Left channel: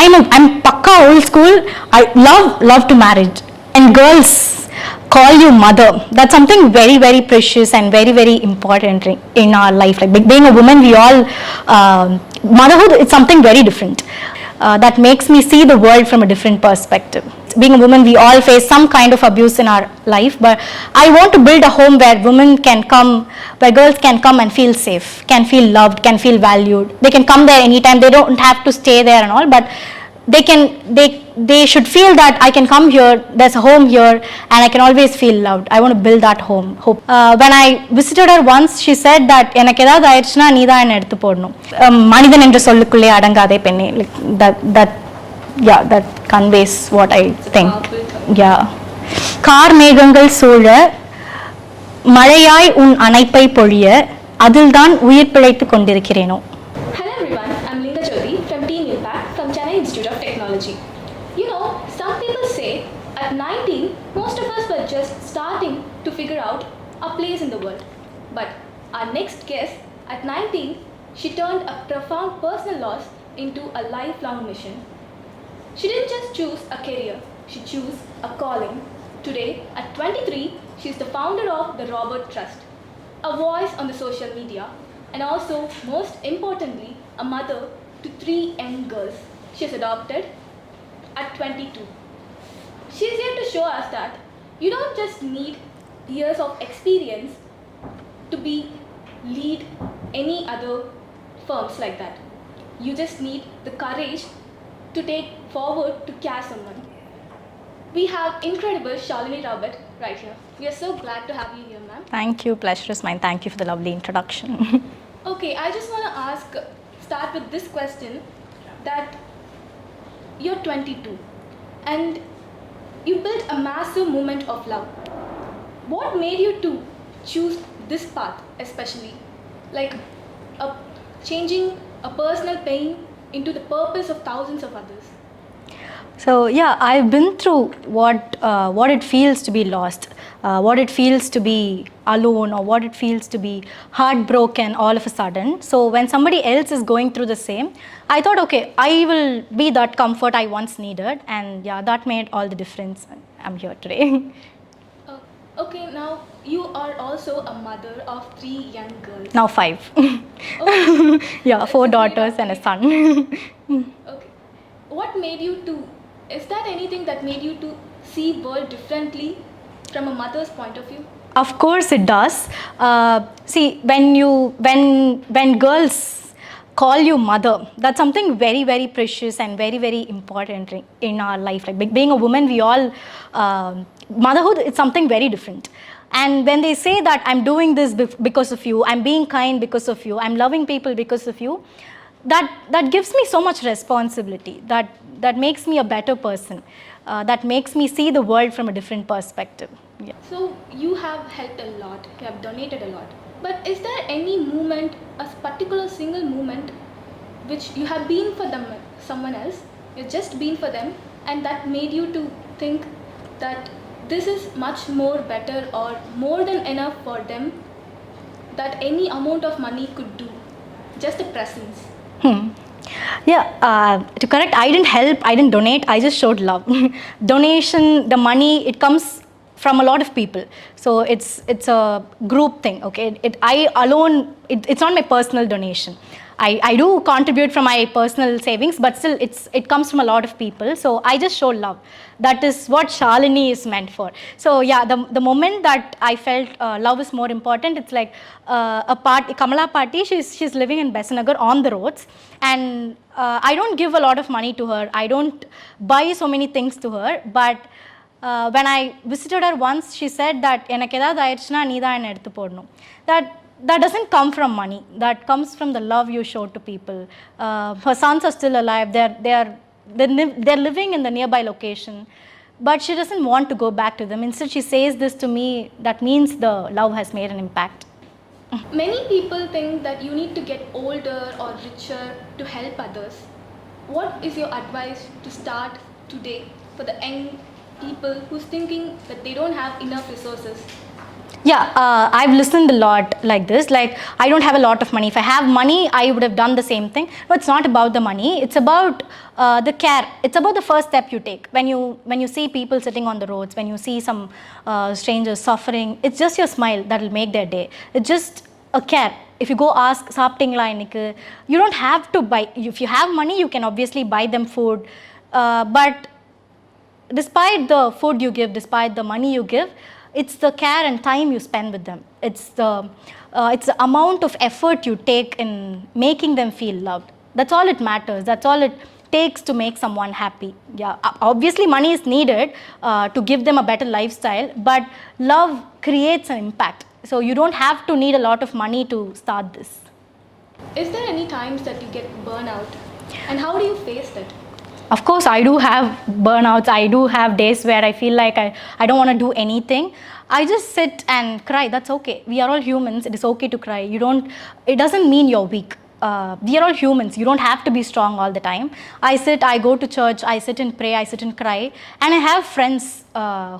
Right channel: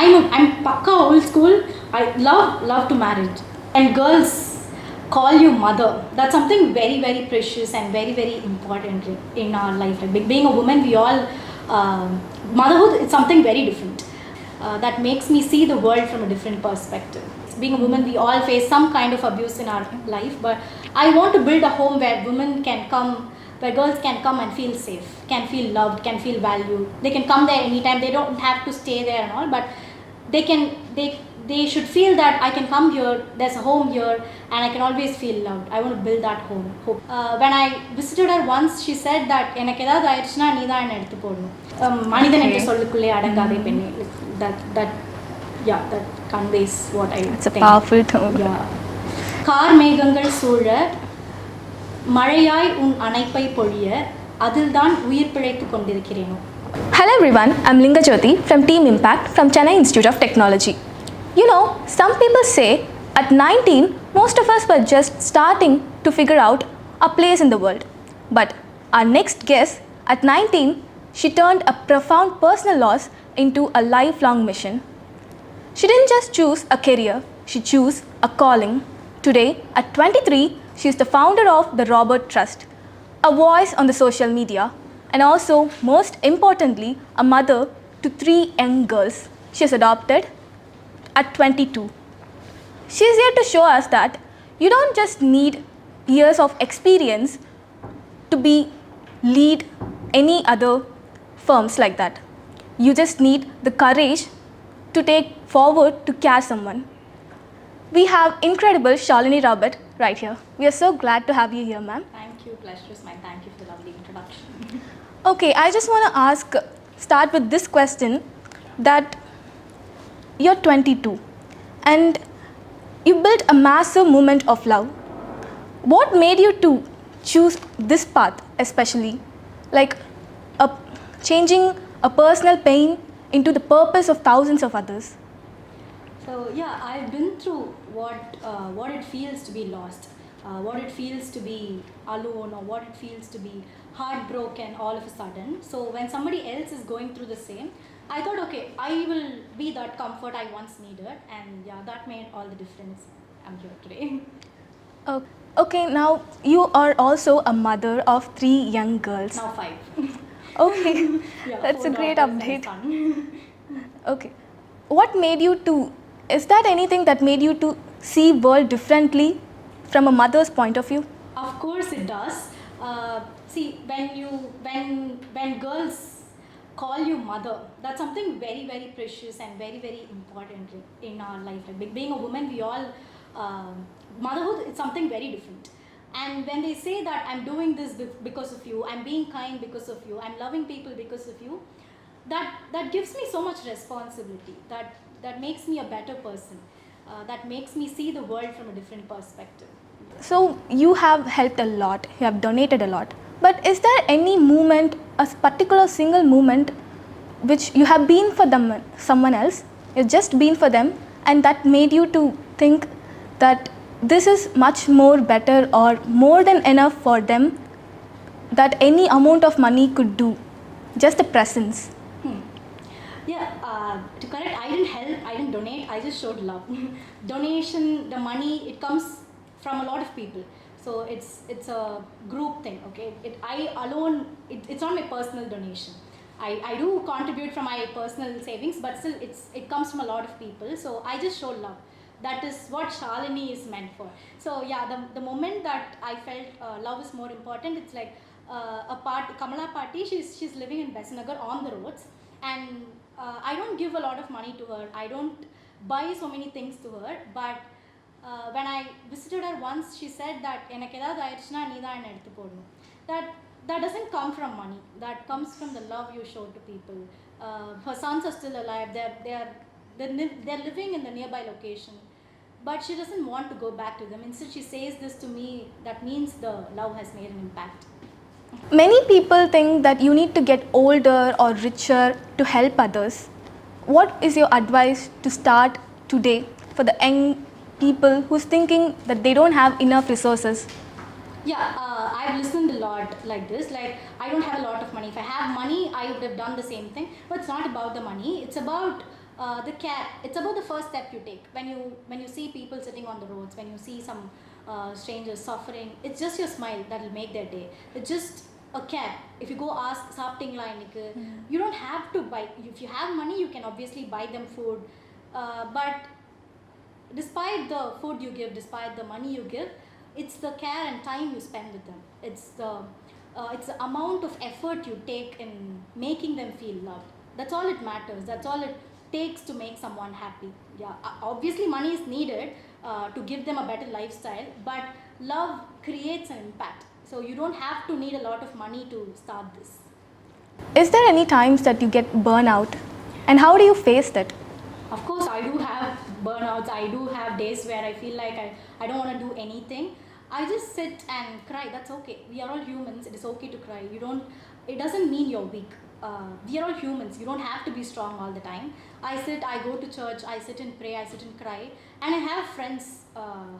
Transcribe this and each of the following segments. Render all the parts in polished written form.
I'm pakka old school. I love to marriage, and girls call you mother. That's something very very precious and very very important in our life. Like being a woman, we all motherhood is something very different. That makes me see the world from a different perspective. Being a woman, we all face some kind of abuse in our life, but I want to build a home where women can come, where girls can come and feel safe, can feel loved, can feel valued. They can come there anytime. They don't have to stay there and all, but they should feel that I can come here, there's a home here, and I can always feel loved. I want to build that home. Hope. When I visited her once, she said that எனக்கு ஏதாவது ஆயிடுச்சுனா நீ தான் என்ன எடுத்து போடணும். மனிதன் என்ற சொல்லுக்குள்ளே அடங்காதே பெண்ணே. That conveys what I think. Powerful tone. Yeah. Car மேகங்கள் சூழ மழையாய் உன் அணைப்பை பொழிய அதில்தான் உயிர் பிழைத்து கொண்டிருக்கிறேனோ. Hello everyone, I'm Linga Jyoti from Team Impact from Chennai Institute of Technology. You know, some people say at 19, most of us were just starting to figure out our place in the world. But our next guest, at 19, she turned a profound personal loss into a lifelong mission. She didn't just choose a career, she chose a calling. Today, at 23, she is the founder of the Robert Trust, a voice on the social media, and also, most importantly, a mother to 3 young girls. She is adopted at 22. She is here to show us that you don't just need years of experience to lead any other firms like that. You just need the courage to take forward to care someone. We have incredible Shalini Robert right here. We are so glad to have you here, ma'am. Thank you, pleasure is mine. Thank you for the lovely introduction. Okay, I just want to start with this question, that you're 22 and you built a massive movement of love. What made you to choose this path especially? Like changing a personal pain into the purpose of thousands of others. So yeah, I've been through what it feels to be lost, what it feels to be alone, or what it feels to be heartbroken all of a sudden. So when somebody else is going through the same, I thought, okay, I will be that comfort I once needed, and yeah, that made all the difference. I'm here today. Okay, now you are also a mother of 3 young girls. Now 5. Okay. Yeah, 4 daughters and a son. Okay. What made you to, is that anything that made you to see world differently from a mother's point of view? Of course it does. See, when girls call you mother, that's something very very precious and very very important in our life. Like being a woman, we all motherhood is something very different. And when they say that I'm doing this because of you, I'm being kind because of you, I'm loving people because of you, that gives me so much responsibility, that makes me a better person, that makes me see the world from a different perspective. Yeah. So you have helped a lot, you have donated a lot, but is there any moment, a particular single moment which you have been for them, someone else, you've just been for them, and that made you to think that this is much more better or more than enough for them, that any amount of money could do, just the presence? Yeah, to correct, I didn't help, I didn't donate, I just showed love. Donation, the money, it comes from a lot of people. So it's a group thing, okay? I alone, it's not my personal donation. I do contribute from my personal savings, but still it comes from a lot of people. So I just show love. That is what Shalini is meant for. So yeah, the moment that I felt love is more important, it's like Kamala party, she's living in Besanagar on the roads, and I don't give a lot of money to her. I don't buy so many things to her, but when I visited her once, she said that எனக்கு ஏதாவது ஆயிடுச்சுனா நீ தான் என்ன எடுத்து போடணும். That doesn't come from money. That comes from the love you show to people. Her sons are still alive. They're living in the nearby location, but she doesn't want to go back to them. Instead, she says this to me. That means the love has made an impact. Many people think that you need to get older or richer to help others. What is your advice to start today for the young people who's thinking that they don't have enough resources? Yeah, I've listened a lot like this. Like, I don't have a lot of money. If I have money, I would have done the same thing. But it's not about the money. It's about the care. It's about the first step you take. When you see people sitting on the roads, when you see some strangers suffering, it's just your smile that will make their day. It's just a care. If you go ask, சாப்பிட்டீங்களா இன்னைக்கு, you don't have to buy. If you have money, you can obviously buy them food. But despite the food you give, despite the money you give, it's the care and time you spend with them. It's the amount of effort you take in making them feel loved. That's all it matters. That's all it takes to make someone happy. Yeah, obviously money is needed to give them a better lifestyle, but love creates an impact. So you don't have to need a lot of money to start this. Is there any times that you get burnout? And how do you face that? Of course, I do have burnouts. I do have days where I feel like I don't want to do anything. I just sit and cry. That's okay. We are all humans. It is okay to cry. It doesn't mean you're weak. We are all humans. You don't have to be strong all the time. I go to church, I sit and pray, I sit and cry. And I have friends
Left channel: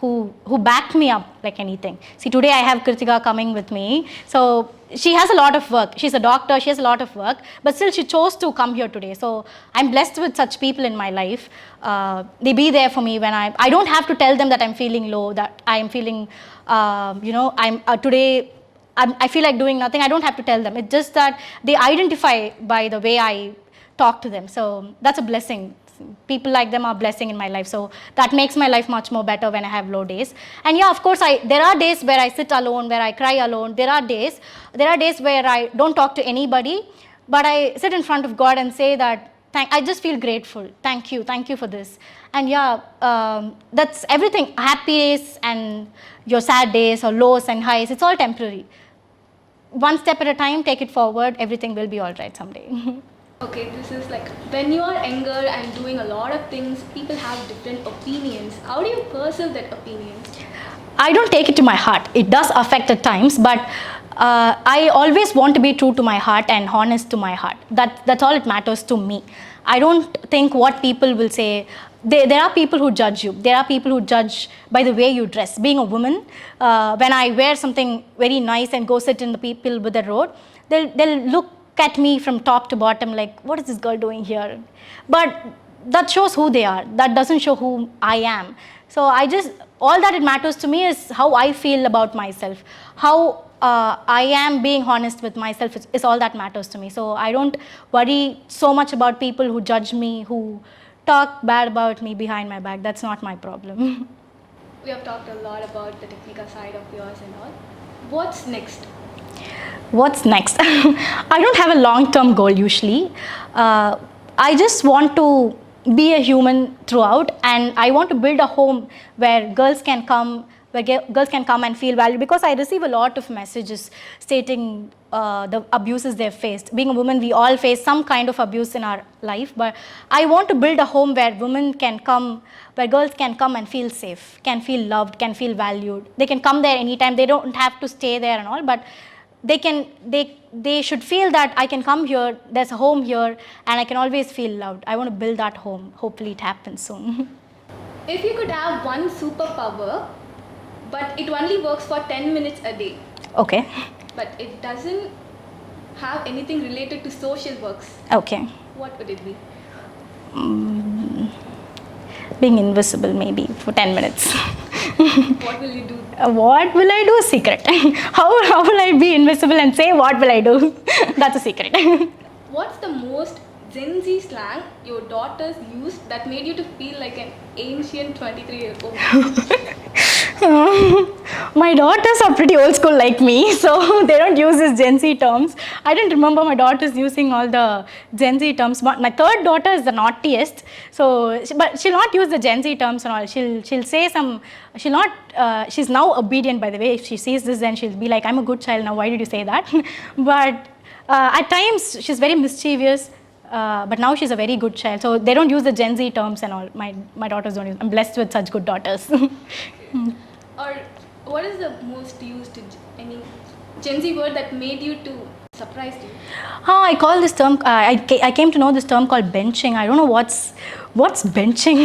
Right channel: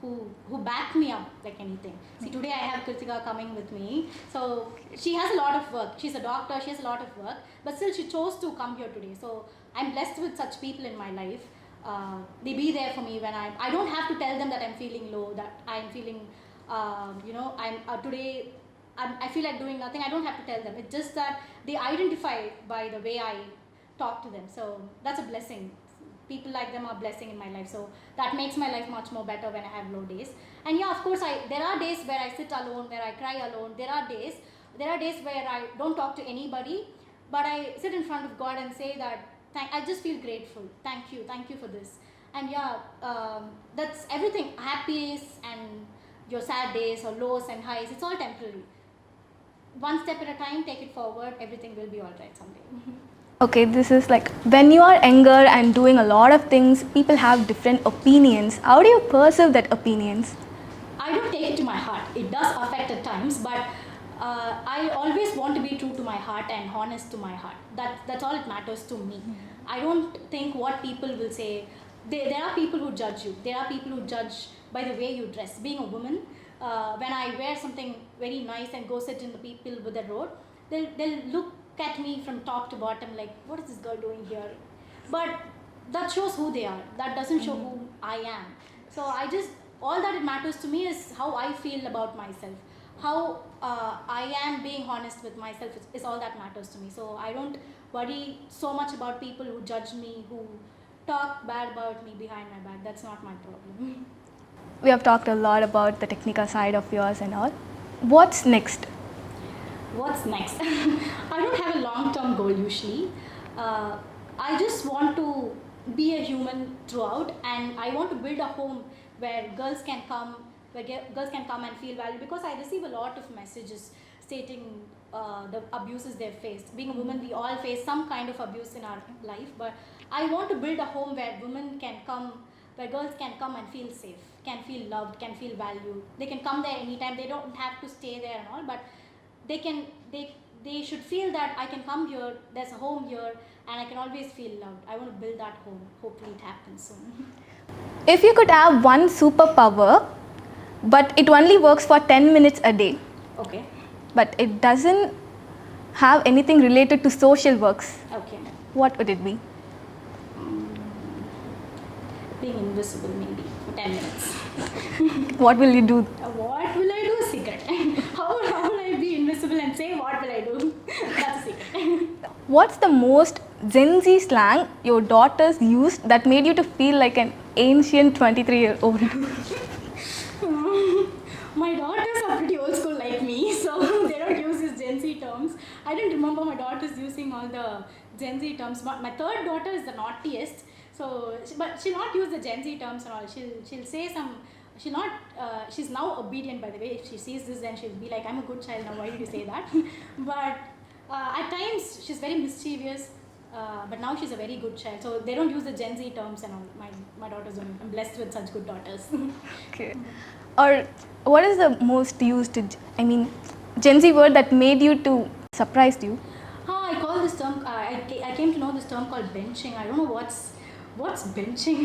who back me up like anything. See, today I have Kritika coming with me. So she has a lot of work. She's a doctor, she has a lot of work. But still she chose to come here today. So I'm blessed with such people in my life. They be there for me when I don't have to tell them that I'm feeling low, that I'm feeling, today, I feel like doing nothing. I don't have to tell them. It's just that they identify by the way I talk to them. So that's a blessing. People like them are a blessing in my life. So that makes my life much more better when I have low days. And yeah, of course, there are days where I sit alone, where I cry alone. There are days where I don't talk to anybody, but I sit in front of God and say that, I just feel grateful. Thank you for this. And yeah, that's everything. Happy days and your sad days or lows and highs, it's all temporary. One step at a time, take it forward, everything will be all right someday. Okay, this is like when you are younger and doing a lot of things, people have different opinions. How do you pursue that opinions? I don't take it to my heart. It does affect at times, but I always want to be true to my heart and honest to my heart. That's all it matters to me. I don't think what people will say. There are people who judge you. There are people who judge by the way you dress. Being a woman, when I wear something very nice and go sit in the people with the road, they'll look at me from top to bottom like, what is this girl doing here? But that shows who they are. That doesn't show who I am. So all that it matters to me is how I feel about myself. How I am being honest with myself is all that matters to me. So I don't worry so much about people who judge me, who talk bad about me behind my back. That's not my problem. We have talked a lot about the technical side of yours and all. What's next? What's next? I don't have a long-term goal usually. I just want to be a human throughout, and I want to build a home where girls can come and feel valued, because I receive a lot of messages stating the abuses they've faced. Being a woman, we all face some kind of abuse in our life, but I want to build a home where where girls can come and feel safe, can feel loved, can feel valued. They can come there anytime. They don't have to stay there and all, but they should feel that I can come here, there's a home here, and I can always feel loved. I want to build that home. Hopefully it happens soon. If you could have one superpower, but it only works for 10 minutes a day. Okay. But it doesn't have anything related to social works. Okay. What would it be? Being invisible, maybe, for 10 minutes. What will you do? What will I do? Secret. How will I be invisible and say what will I do? That's a secret. What's the most Gen Z slang your daughters used that made you to feel like an ancient 23-year-old? My daughters are pretty old school like me, so they don't use these Gen Z terms. I didn't remember my daughters using all the Gen Z terms. My third daughter is the naughtiest, but she'll not use the Gen Z terms and all. She'll say some. She's now obedient, by the way. If she sees this, then she'll be like, "I'm a good child now. Why did you say that?" But at times she's very mischievous. But now she's a very good child. So they don't use the Gen Z terms and all. My daughters don't use. I'm blessed with such good daughters. Okay. Or what is the most used, Gen Z word that made you to surprised you? I call this term, I came to know this term called benching. I don't know what's benching.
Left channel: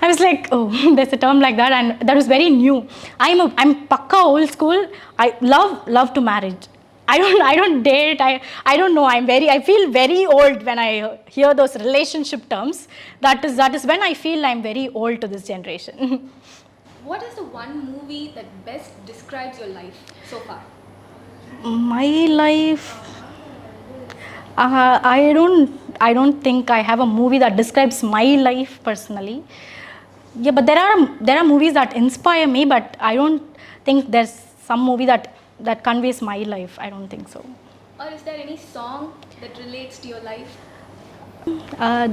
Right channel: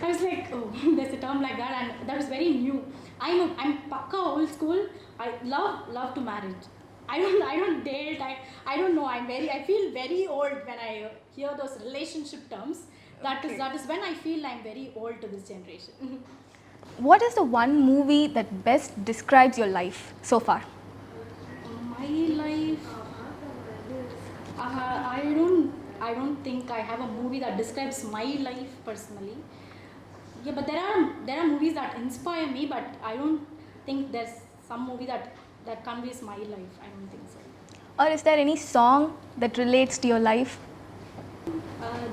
I was like, oh, there's a term like that, and that was very new. I'm pakka old school. I love to marriage. I don't date. I don't know. I feel very old when I hear those relationship terms. That is when I feel I'm very old to this generation. What is the one movie that best describes your life so far? My life. I don't think I have a movie that describes my life personally. Yeah, but there are movies that inspire me, but I don't think there's some movie that conveys my life. I don't think so. Or is there any song that relates to your life?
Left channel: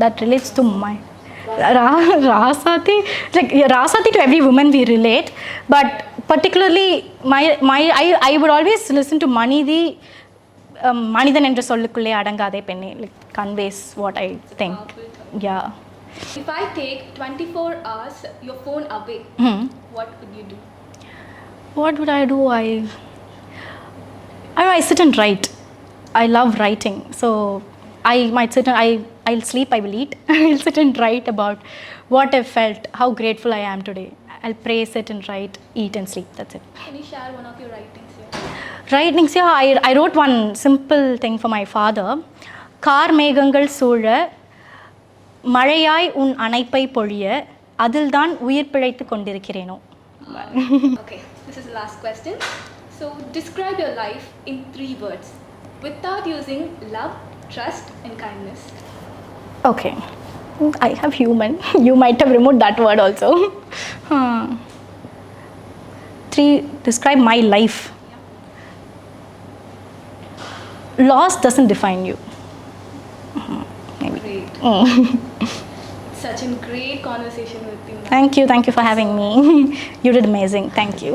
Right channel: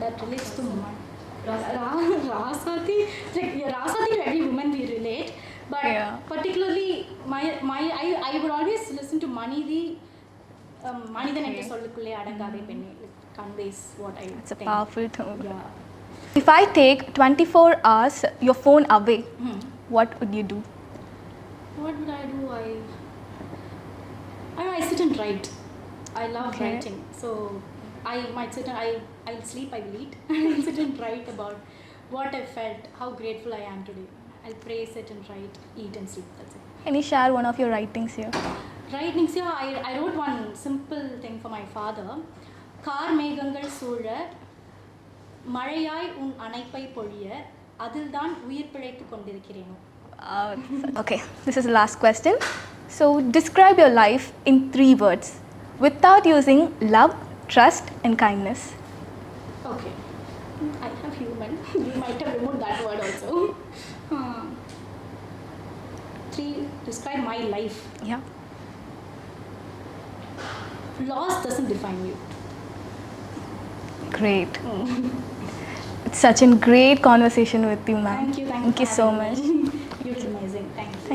That relates to my Rasati. Like, yeah, Rasati, to every woman we relate, but Yeah. particularly I would always listen to Manidhi. Manidan என்ற சொல்லுக்குள்ளே அடங்காதே பெண்ணே, like conveys what I think. Powerful tone. Yeah. If I take 24 hours your phone away, what would you do? What would I do? I sit and write. I love writing. So I might sit and I'll sleep, I will eat. I'll sit and write about what I felt, how grateful I am today. I'll pray, sit and write, eat and sleep. That's it. Can you share one of your writings here? Writings, yeah, I wrote one simple thing for my father. Car மேகங்கள் சூழ மழையாய் உன் அணைப்பை பொழிய அதில்தான் உயிர் பிழைத்து கொண்டிருக்கிறேனோ. Okay, this is the last question. So describe your life in 3 words without using love, trust and kindness. Okay, I have human. You might have removed that word also. 3, describe my life. Yeah. Loss doesn't define you. Great. It's such a great conversation with you, ma'am. Thank you for Thank you having so me. You did amazing. Thank you.